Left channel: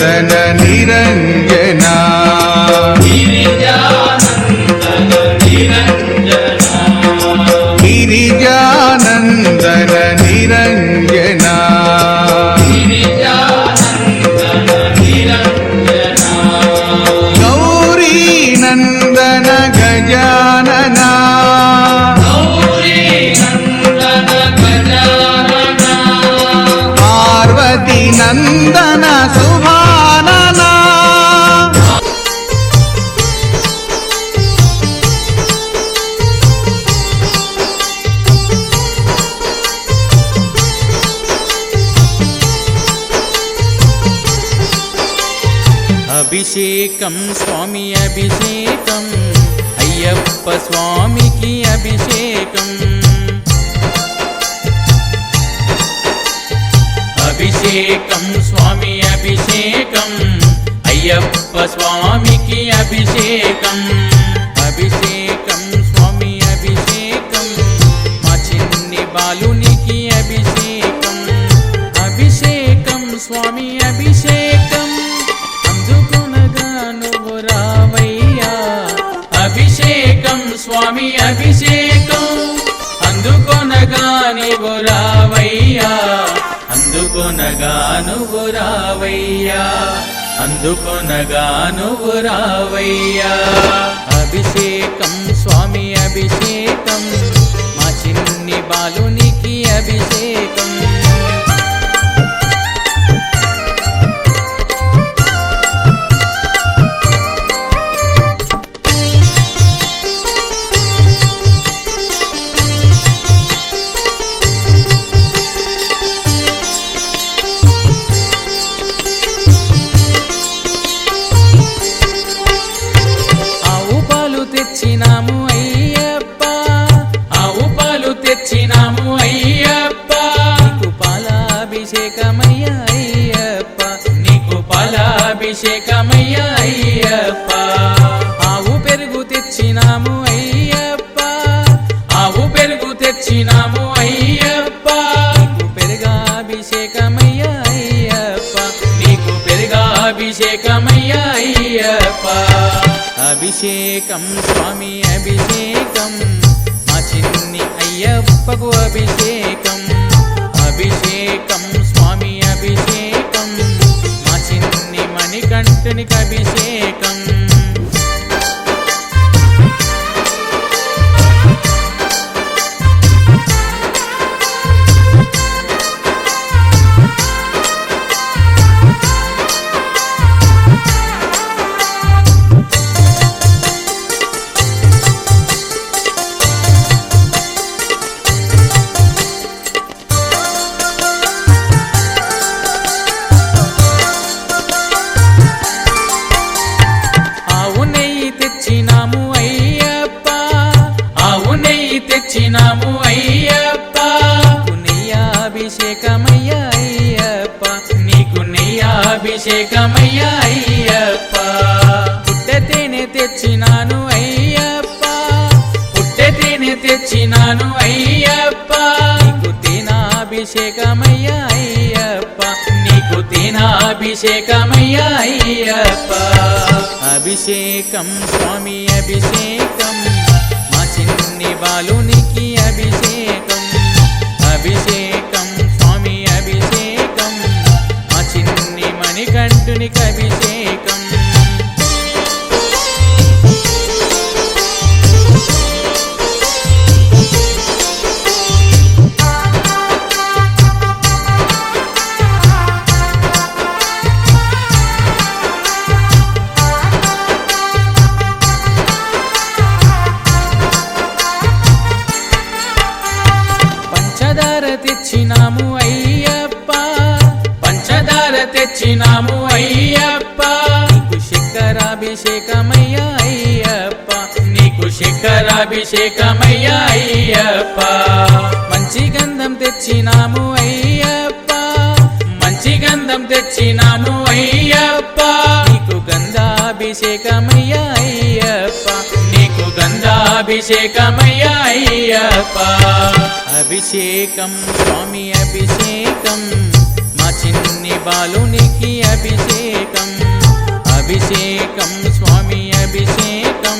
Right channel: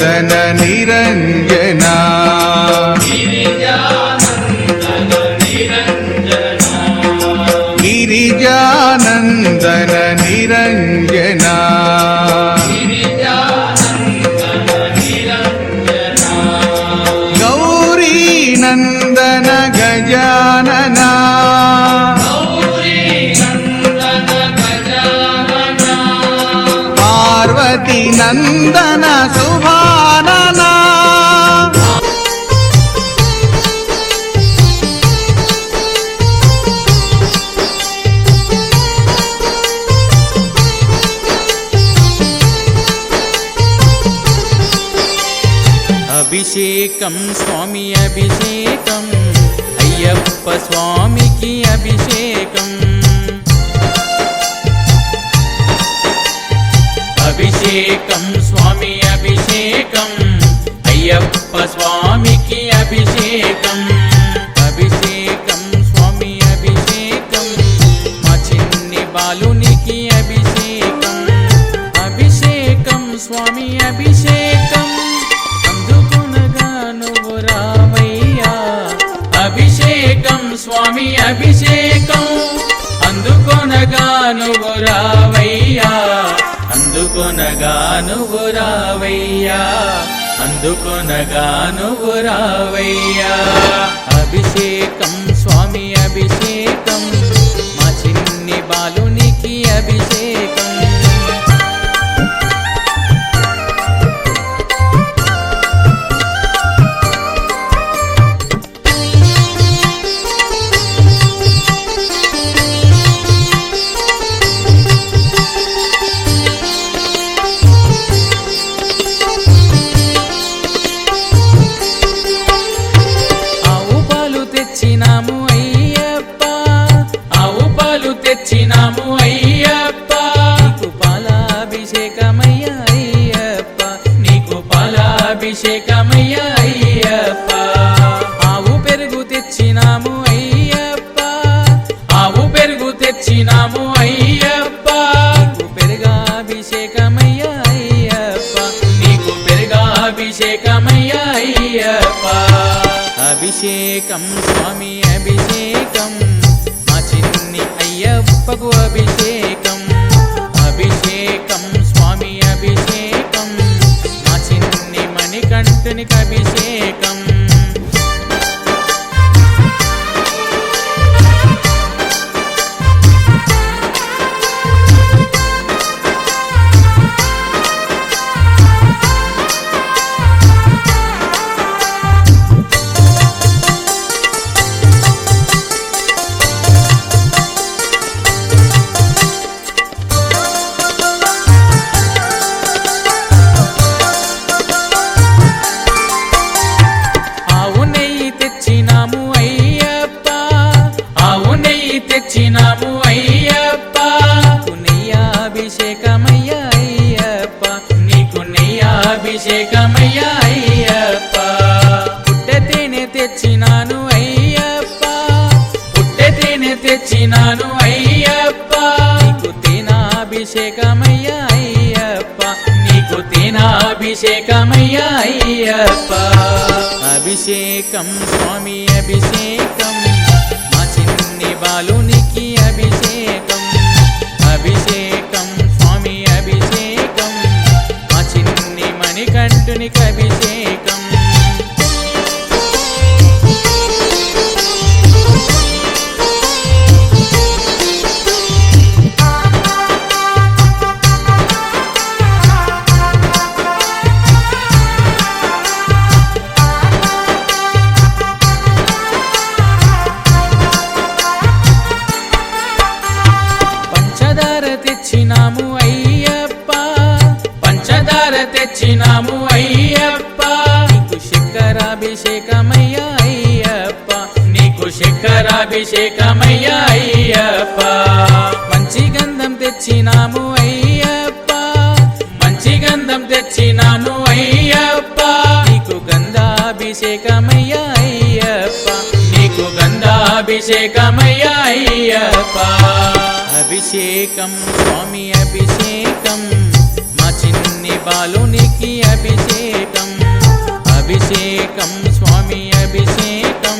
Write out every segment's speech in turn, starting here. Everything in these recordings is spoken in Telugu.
నిరంజనా గిరిజానందన నిరంజనా గౌరీ నందన గజాననా పార్వతీ నందన శుభాననా అభిషేకం స్వామి అభిషేకం అయ్యప్ప స్వామికి అభిషేకం అభిషేకం స్వామి అభిషేకం అయ్యప్ప స్వామికి అభిషేకం అభిషేకం స్వామి అభిషేకం మా చిన్ని బాలునికి అభిషేకం అభిషేకం స్వామి అభిషేకం అందుకొనగా నువ్వు రావయ్యా అభిషేకం స్వామి అభిషేకం అందుకొనగా నువ్వు రావయ్యా అందుకొనగా నువ్వు రావయ్యా అందుకొనగా నువ్వు రావయ్యా అభిషేకం స్వామి అభిషేకం మా చిన్ని బాలునికి అభిషేకం తెచ్చినాము అయ్యప్ప ఆవు పాలు తెచ్చినాము అయ్యప్ప నీకు పాలాభిషేకమయ్యా అయ్యప్ప నీకు పాలాభిషేకమయ్యా అయ్యప్ప ఆవు పెరుగు తెచ్చినాము అయ్యప్ప ఆవు పెరుగు తెచ్చినాము అయ్యప్ప నీకు పెరుగాభిషేకమయ్యా అయ్యప్ప నీకు పెరుగాభిషేకమయ్యా అయ్యప్ప అభిషేకం స్వామి అభిషేకం మా చిన్ని అయ్యప్పకు అభిషేకం అభిషేకం స్వామి అభిషేకం మా చిన్ని మణికంఠునికి అభిషేకం తెచ్చినాము అయ్యప్ప ఆవు నెయ్యి తెచ్చినాము అయ్యప్ప నీకు నెయ్యాభిషేకమయ్యా అయ్యప్ప నీకు నెయ్యాభిషేకమయ్యా అయ్యప్ప పుట్టె తేనె తెచ్చినాను అయ్యప్ప పుట్టె తేనె తెచ్చినాను అయ్యప్ప నీకు తేనాభిషేకమయ్యా అయ్యప్ప నీకు తేనాభిషేకమయ్యా అయ్యప్ప అభిషేకం స్వామి అభిషేకం మా చిన్ని బాలునికి అభిషేకం అభిషేకం స్వామి అభిషేకం మా చిన్ని మణికంఠునికి అభిషేకం పంచదార తెచ్చినాము అయ్యప్ప పంచదార తెచ్చినాము అయ్యప్ప నీకు శక్కరాభిషేకమయ్యా అయ్యప్ప నీకు శక్కరాభిషేకమయ్యా అయ్యప్ప మంచి గంధం తెచ్చినాము అయ్యప్ప మంచి గంధం తెచ్చినాము అయ్యప్ప నీకు గంధాభిషేకమయ్యా అయ్యప్ప నీకు గంధాభిషేకమయ్యా అయ్యప్ప అభిషేకం స్వామి అభిషేకం మా చిన్ని చిన్ని బాలునికి అభిషేకం అభిషేకం స్వామి అభిషేకం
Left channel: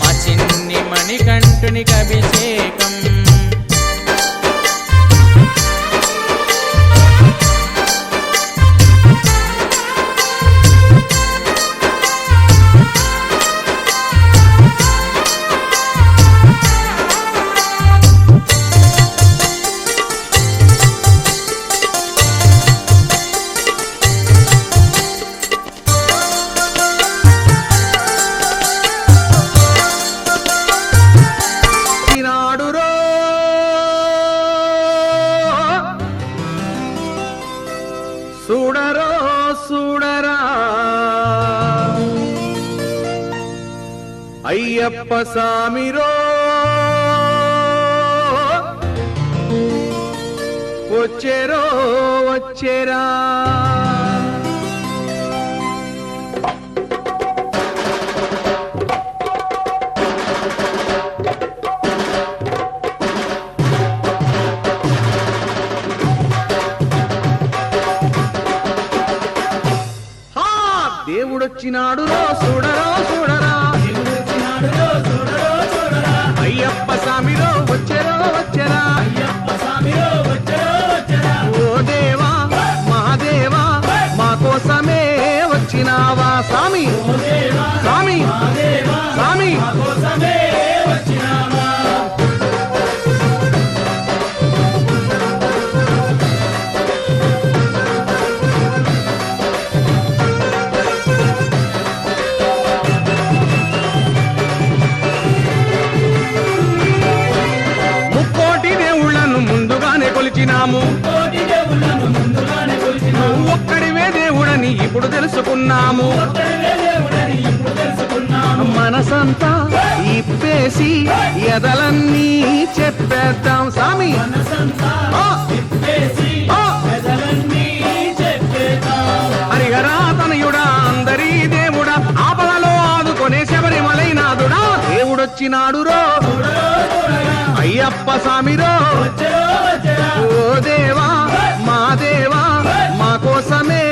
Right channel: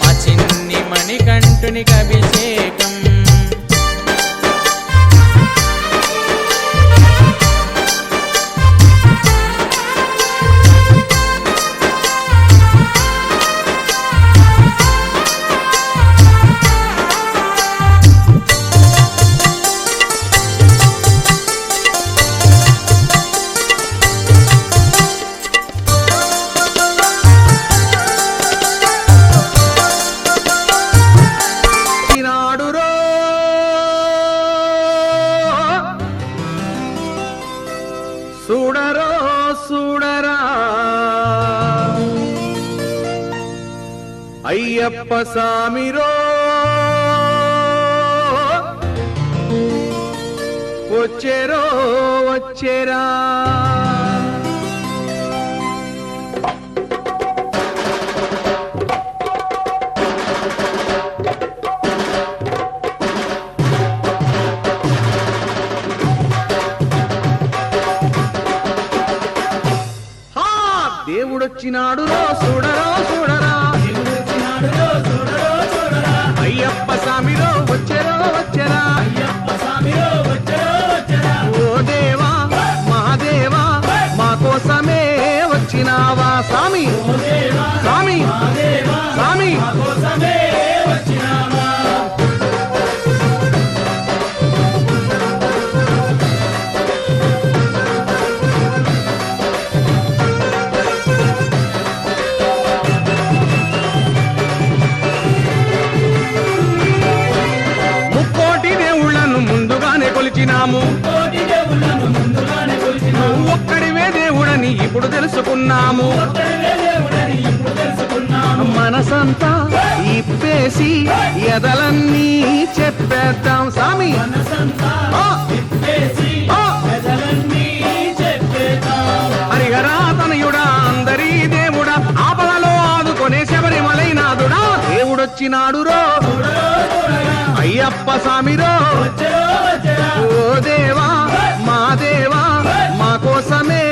మా చిన్ని మణికంఠునికి అభిషేకం నాడురో చూడరో చూడరా అయ్యప్ప సామిరో వచ్చేరో వచ్చేరా దేవుడొచ్చినాడు రో చూడరో చూడరా అయ్యప్ప స్వామిరో వచ్చెరో వచ్చెరా ఓ దేవా మహాదేవా మా కోసమే వచ్చినావా స్వామి స్వామి స్వామి కొలిచినాము ఒక్కడివే దేవుడని ఇప్పుడు తెలుసుకున్నాము మనసంతా ఇప్పేసి ఎదలన్నీ చెప్పేద్దాం స్వామి హరిహరా తనయుడా అందరీ దేవుడా ఆపదలో ఆదుకొనే శబరిమలైనాథుడా దేవుడొచ్చినాడు రో అయ్యప్ప స్వామిరో ఓ దేవా మా దేవా మా కోసమే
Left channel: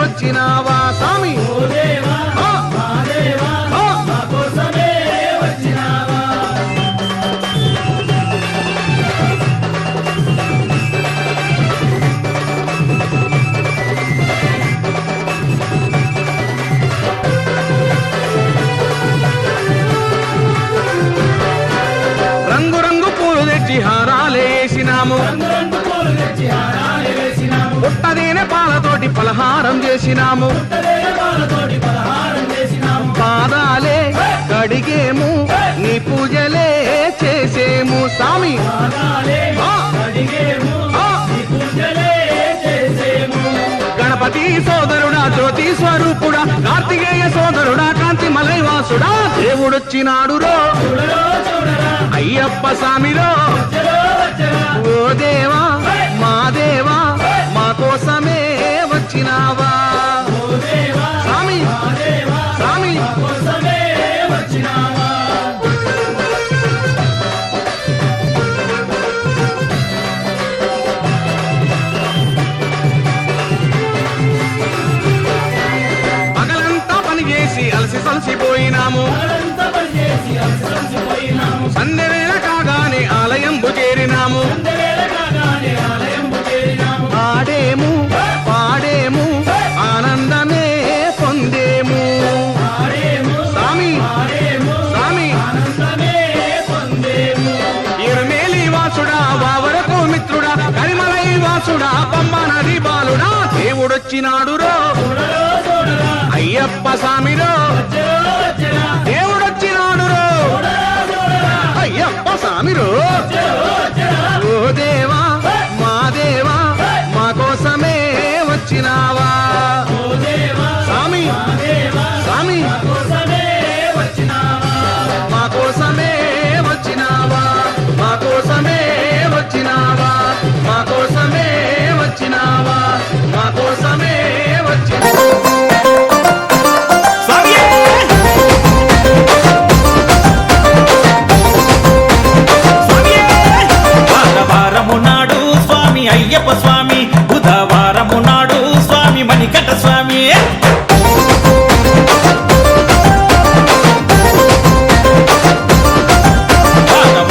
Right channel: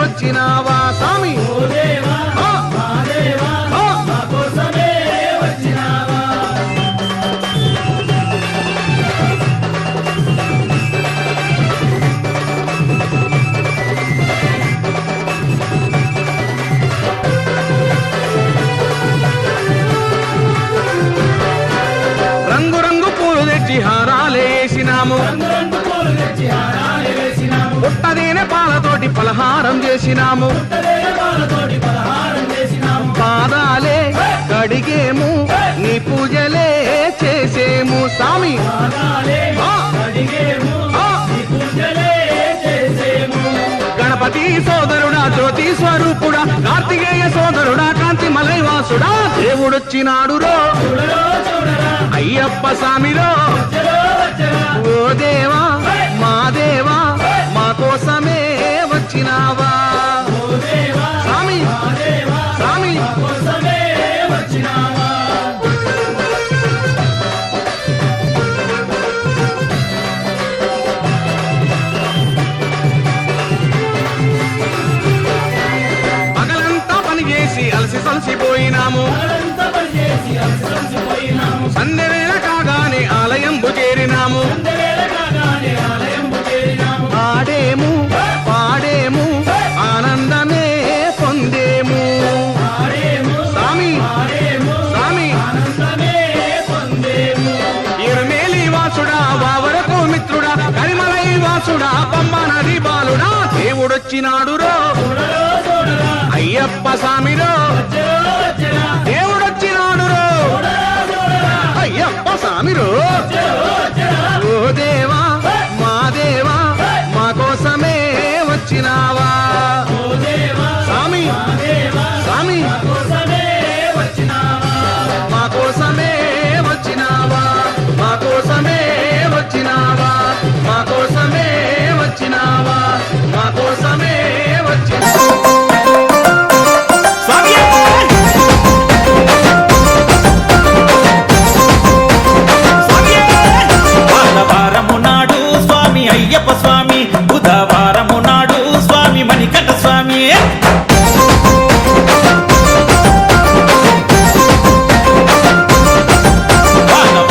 వచ్చినావా స్వామి హారాలేసినాము పుట్టదేనే పాలతోటి పలహారం చేసినాము పాదాలే కడిగేము నీ పూజలే చేసేము స్వామి గణపతి సోదరుడా జ్యోతి స్వరూపుడా కార్తికేయ సోదరుడా కాంతి మలైవాసుడా దేవుడొచ్చినాడు రో అయ్యప్ప స్వామిరో ఓ దేవా మా దేవా మా కోసమే వచ్చినావా స్వామి స్వామి పగలంతా పని చేసి అలసి సలసిపోయినాము సంధ్యవేళ కాగానే ఆలయంబు చేరినాము ఆడేము పాడేము ఆనందమే పొందేము స్వామి స్వామి ఇరుమేలి వాసుడా వావరకు మిత్రుడా కరిమలై వాసుడా పంబ నది బాలుడా దేవుడొచ్చినాడు రో అయ్యప్ప స్వామిరో దేవుడొచ్చినాడు రో అయ్యప్ప స్వామిరో ఓ దేవా మా దేవా మా కోసమే వచ్చినావా స్వామి స్వామి మా కోసమే వచ్చినావా మా కోసమే వచ్చినావా మా కోసమే వచ్చినావా మా కోసమే వచ్చినావా వారము నాడు స్వామి అయ్యప్ప స్వామి బుధవారము నాడు స్వామి స్వామి మణికంఠ స్వామి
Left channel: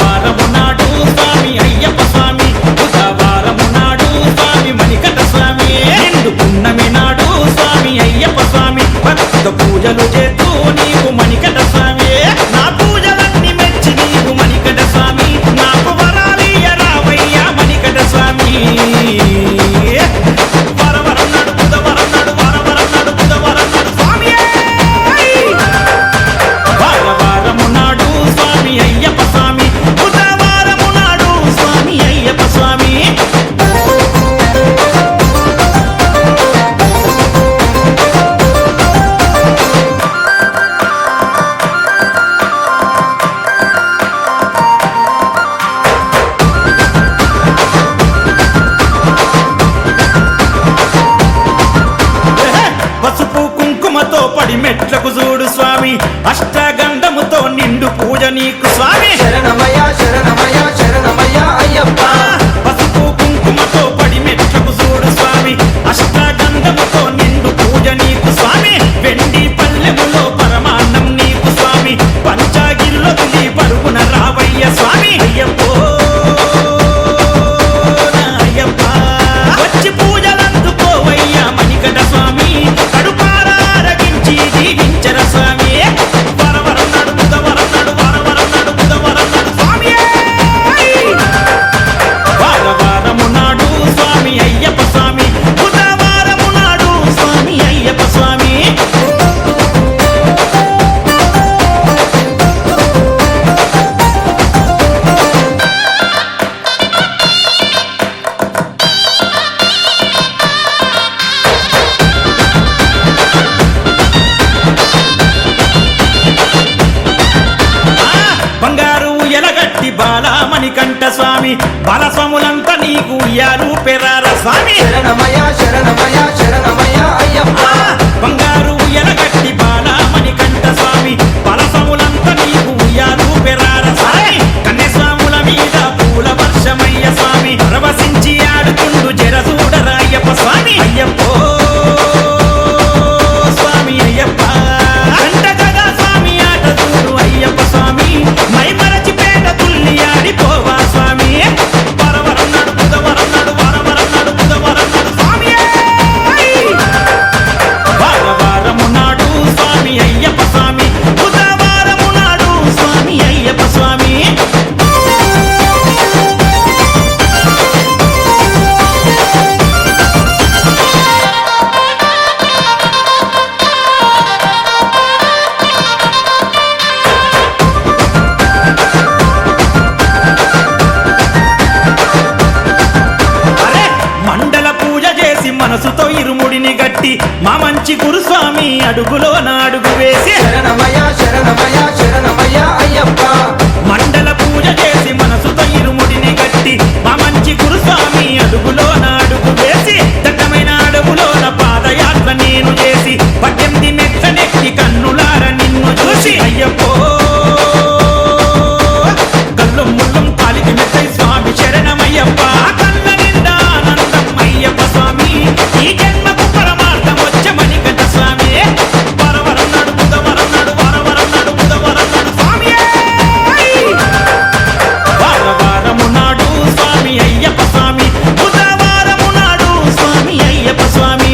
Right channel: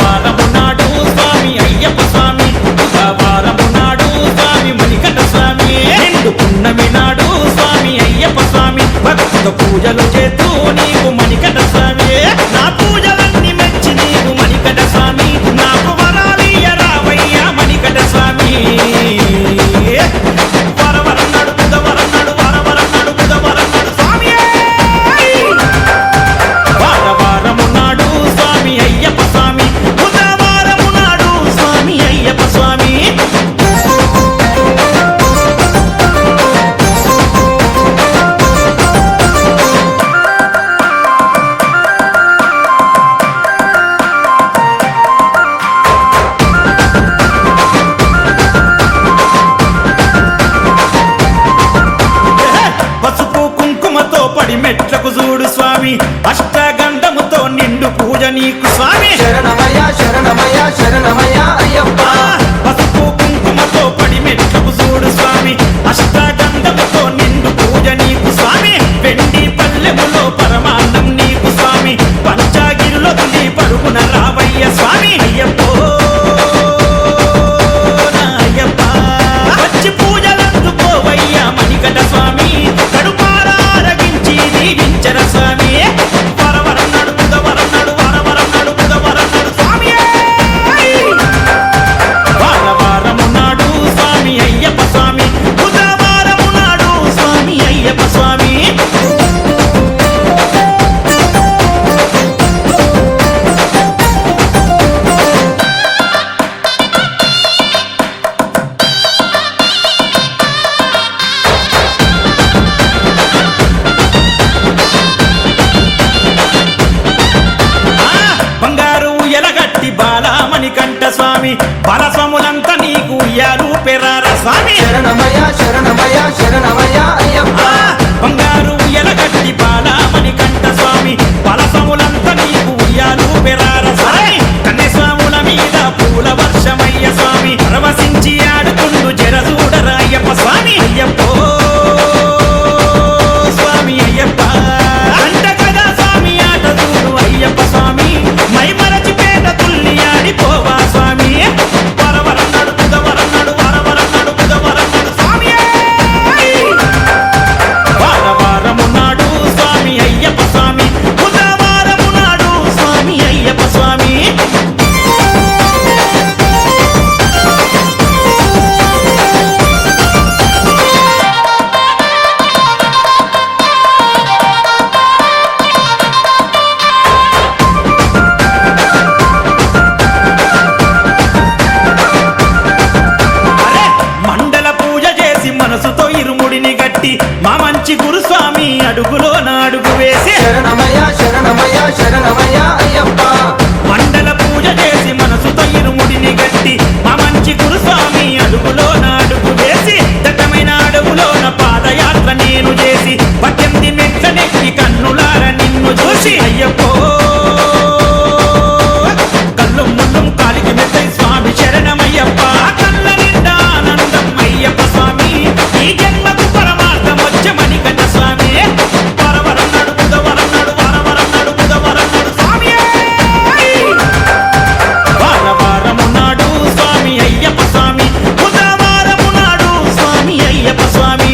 వారము నాడు స్వామి అయ్యప్ప స్వామి బుధవారము నాడు స్వామి మణికంఠ స్వామి నిండు పున్నమి నాడు స్వామి అయ్యప్ప స్వామి భక్త పూజలు చేతూ నీకు మణికంఠ స్వామి నా పూజలన్నీ మెచ్చి నీకు మణికంఠ స్వామి నాకు వరాలియ రావయ్యా మణికంఠ స్వామి వరవరం నాడు బుధవరం నాడు వారవరం నాడు బుధవరం నాడు స్వామి వారము నాడు స్వామి అయ్యప్ప స్వామి బుధవారము నాడు స్వామి అయ్యప్ప స్వామి పసుపు కుంకుమతో పడి మెట్లకు చూడు స్వామి అష్టగంధముతో నిండు పూజ నీకు స్వామి శరణమయ్య శరణమయ్య శరణమయ్య అయ్యప్ప పసుపు కుంకుమతో పడి మెట్లకు చూడు స్వామి అష్టగంధముతో నిండు పూజ నీకు స్వామి వెండి పల్లెములో పరమాన్నం నీకు స్వామి పంచాగిరిలో తులి పరుగున రావయ్య స్వామి అయ్యప్పో నా అయ్యప్ప వచ్చి పూజలందుకోవయ్యా మణికంఠ స్వామి కడుపారారగించి దీవించర స్వామి వరవరం నాడు బుధవరం నాడు వారవరం నాడు బుధవరం నాడు స్వామి వారము నాడు స్వామి అయ్యప్ప స్వామి బుధవారము నాడు స్వామి అయ్యప్ప స్వామి బంగారు ఎలగట్టి బాలమణికంఠ స్వామి బాలస్వాములంతా నీకు ఉయ్యాలు పెరార స్వామి శరణమయ్య శరణమయ్య శరణమయ్య అయ్యప్ప బంగారు ఎలగట్టి బాలమణికంఠ స్వామి బాలస్వాములంతా నీకు ఉయ్యాలు పెరార స్వామి కన్యస్వాముల మీద పూల వర్షమయ్య స్వామి పరవశించి ఆడుతుండు జరసూడరా అయ్యప్ప స్వామి అయ్యప్పో స్వామి అయ్యప్ప గంట కదా స్వామి ఆట చూడు అయ్యప్ప స్వామి మై మరచిపేట తుల్లి ఆడిపోవా స్వామి వరవరం నాడు బుధవరం నాడు వారవరం నాడు బుధవరం నాడు స్వామి వారము నాడు స్వామి అయ్యప్ప స్వామి బుధవారము నాడు స్వామి అయ్యప్ప స్వామి మండల పూజ చేసి మనసుతో ఇరుముడిని గట్టి మా మంచి గురుస్వామి అడుగులో నా అడుగు వేసి శరణమయ్య శరణమయ్య శరణమయ్య అయ్యప్ప మండల పూజ చేసి మనసుతో ఇరుముడిని గట్టి మా మంచి గురుస్వామి అడుగులో నా అడుగు వేసి దట్టమైన అడవులోన పాదయాత్ర నేను చేసి 18 మెట్లనెక్కి కన్నులార నిన్ను చూసి అయ్యప్పో కళ్ళు ముళ్ళుం కాలికి మెత్తై స్వామి శరణమయ్యప్ప కళ్ళ నిండా ఆనందం అయ్యప్ప స్వామి ఈ జన్మకు పరమార్థం వచ్చే మణికంఠ స్వామి వరవరం నాడు బుధవరం నాడు వారవరం నాడు బుధవరం నాడు స్వామి వారము నాడు స్వామి అయ్యప్ప స్వామి బుధవారము నాడు స్వామి అయ్యప్ప స్వామి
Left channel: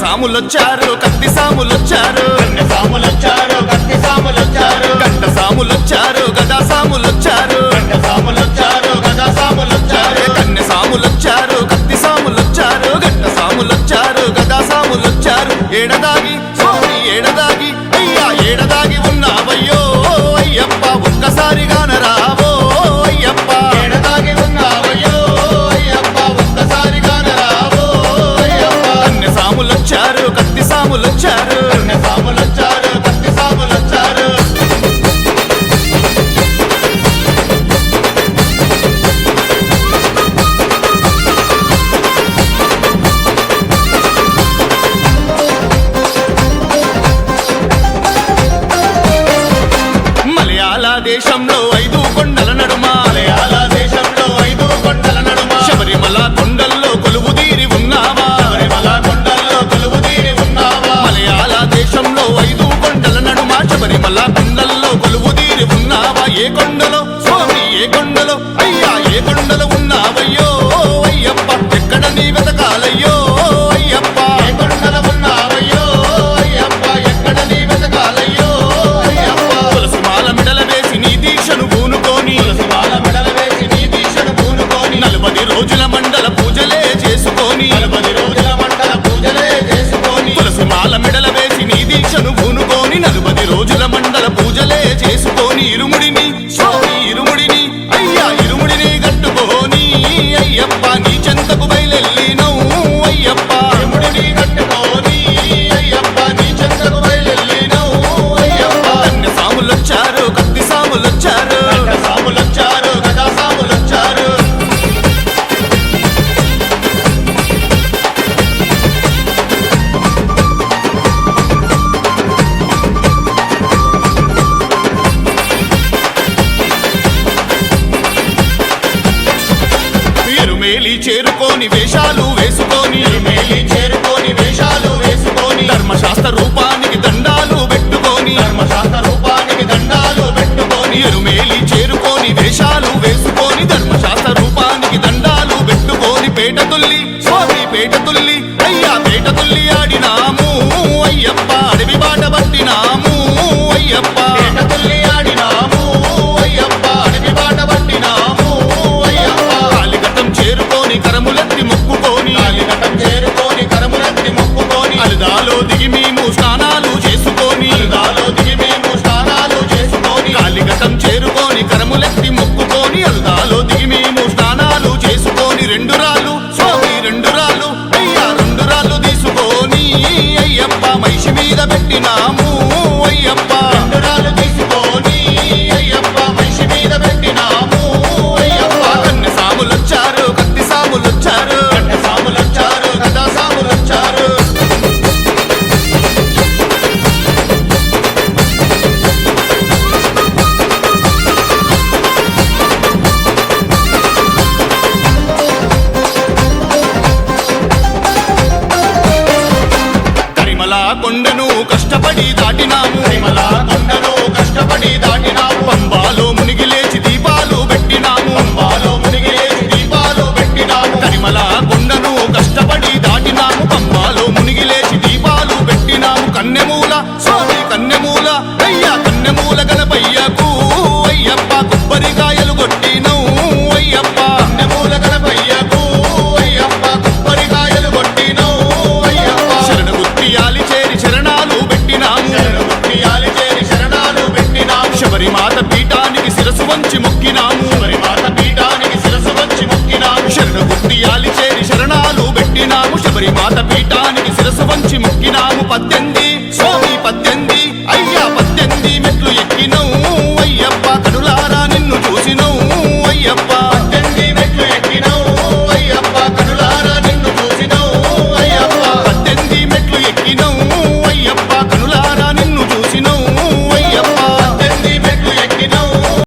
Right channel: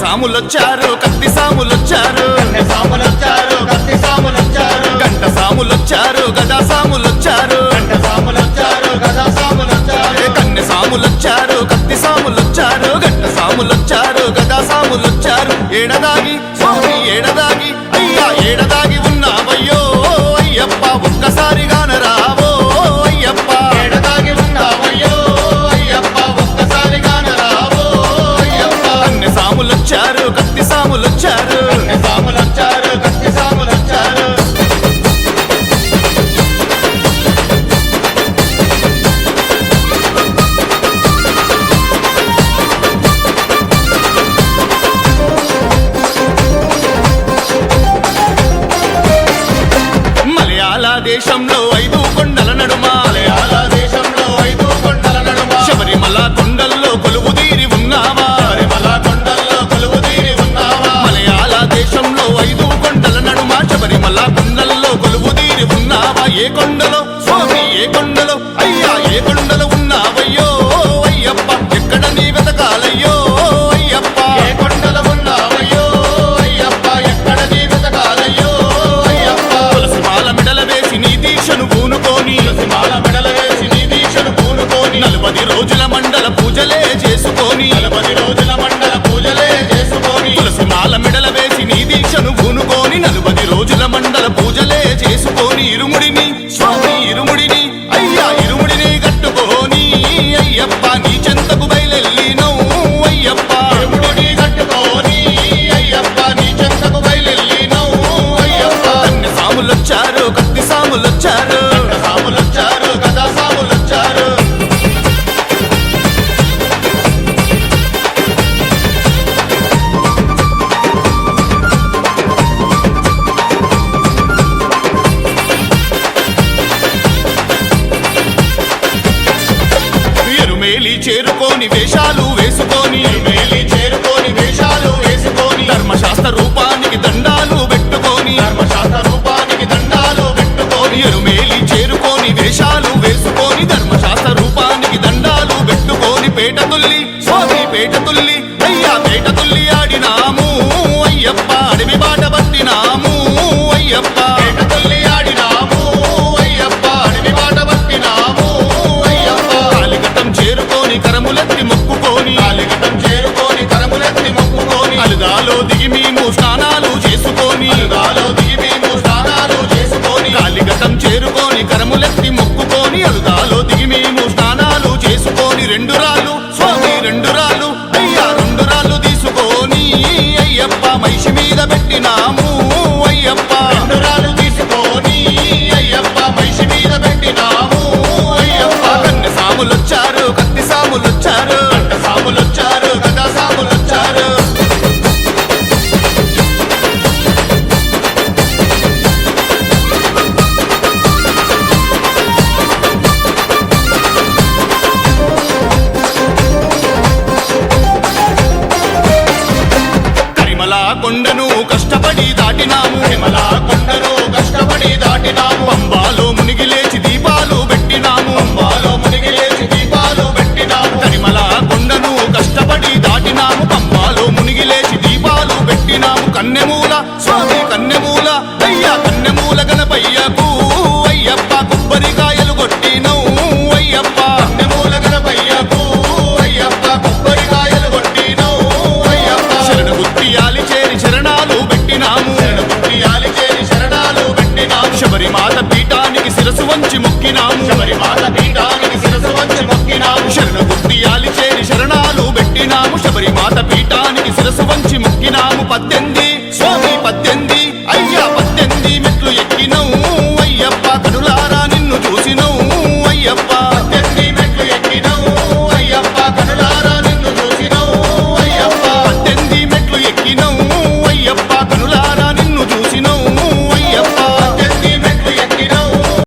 సాములొచ్చారు కత్తి సాములొచ్చారు గంట సాములొచ్చారు గదా సాములొచ్చారు కన్నె సాములొచ్చారు కత్తి సాములొచ్చారు గంట సాములొచ్చారు గదా సాములొచ్చారు ఏడదాగి స్వామి ఏడదాగి అయ్యా ఏడదాగి ఉన్నావయ్యో అయ్యప్ప ఒక్కసారిగా రావో అయ్యప్ప సాములొచ్చారు కత్తి సాములొచ్చారు దేశంలో 5 కొండల నడుమ శబరిమల కొండల్లో కొలువుదీరి ఉన్నావా మలయాళ దేశంలో 5 కొండల నడుమ శబరిమల కొండల్లో కొలువుదీరి ఉన్నావా ఏ కొండలో స్వామి ఏ కొండలో అయ్యా ఏ కొండలో ఉన్నావయ్యో అయ్యప్ప ఎక్కడ నీ వెతకాలయ్యో అయ్యప్ప తులసిమాల మెడల వేసి నీ దీక్షను పూనుకొని 40 రోజుల మండల పూజలే చేసుకొని తులసిమాల మెడల వేసి నీ దీక్షను పూనుకొని 40 రోజుల మండల పూజలే చేసుకొని ఇరుముడిని స్వామి ఇరుముడిని అయ్యా ఇరుముడిని కట్టుకొని అయ్యప్ప నీ చెంతకు బయలెల్లినౌ అయ్యప్ప కన్య సాములొచ్చారు కత్తి సాములొచ్చారు ఎరుమేలి చేరుకొని వేషాలు వేసుకొని ధర్మశాస్త్ర రూపానికి దండాలు పెట్టుకొని ఎరుమేలి చేరుకొని వేషాలు వేసుకొని ధర్మశాస్త్ర రూపానికి దండాలు పెట్టుకొని పేట తుల్లి స్వామి పేట తుల్లి అయ్యా పేట తుల్లి ఆడినాము అయ్యప్ప అడవి బాట పట్టినాము అయ్యప్ప చేరుకొని కరములెత్తి మొక్కుకొని అలుదాలో దిగి మేము స్నానాలు చేసుకొని కాలిఘటం చేరుకొని కరములెత్తి మొక్కుకొని అలుదాలో దిగి మేము స్నానాలు చేసుకొని 2 రాళ్ళు స్వామి 2 రాళ్ళు అయ్యా 2 రాళ్ళు తీసుకొని అయ్యప్ప మహిషి మీద పెట్టినాము అయ్యప్ప సాములొచ్చారు కత్తి సాములొచ్చారు గదా సాములొచ్చారు కరిమల కొండను కష్టపడి దాటినాము పంబాలో మునిగి లేచి దీపాలు పెట్టినాము కరిమల కొండను కష్టపడి దాటినాము పంబాలో మునిగి లేచి దీపాలు పెట్టినాము కన్నెమూల స్వామి కన్నెమూల అయ్యా కన్నెమూల గణపయ్యకు అయ్యప్ప కొబ్బరికాయలు కొట్టినౌ అయ్యప్ప శరణ గుత్తియాలి చేరి శరణాలు పెట్టినాము శబరిమాత పీఠానికి శిరసు వంచి మొక్కినాము శరణ గుత్తియాలి చేరి శరణాలు పెట్టినాము శబరిమాత పీఠానికి శిరసు వంచి మొక్కినాము 18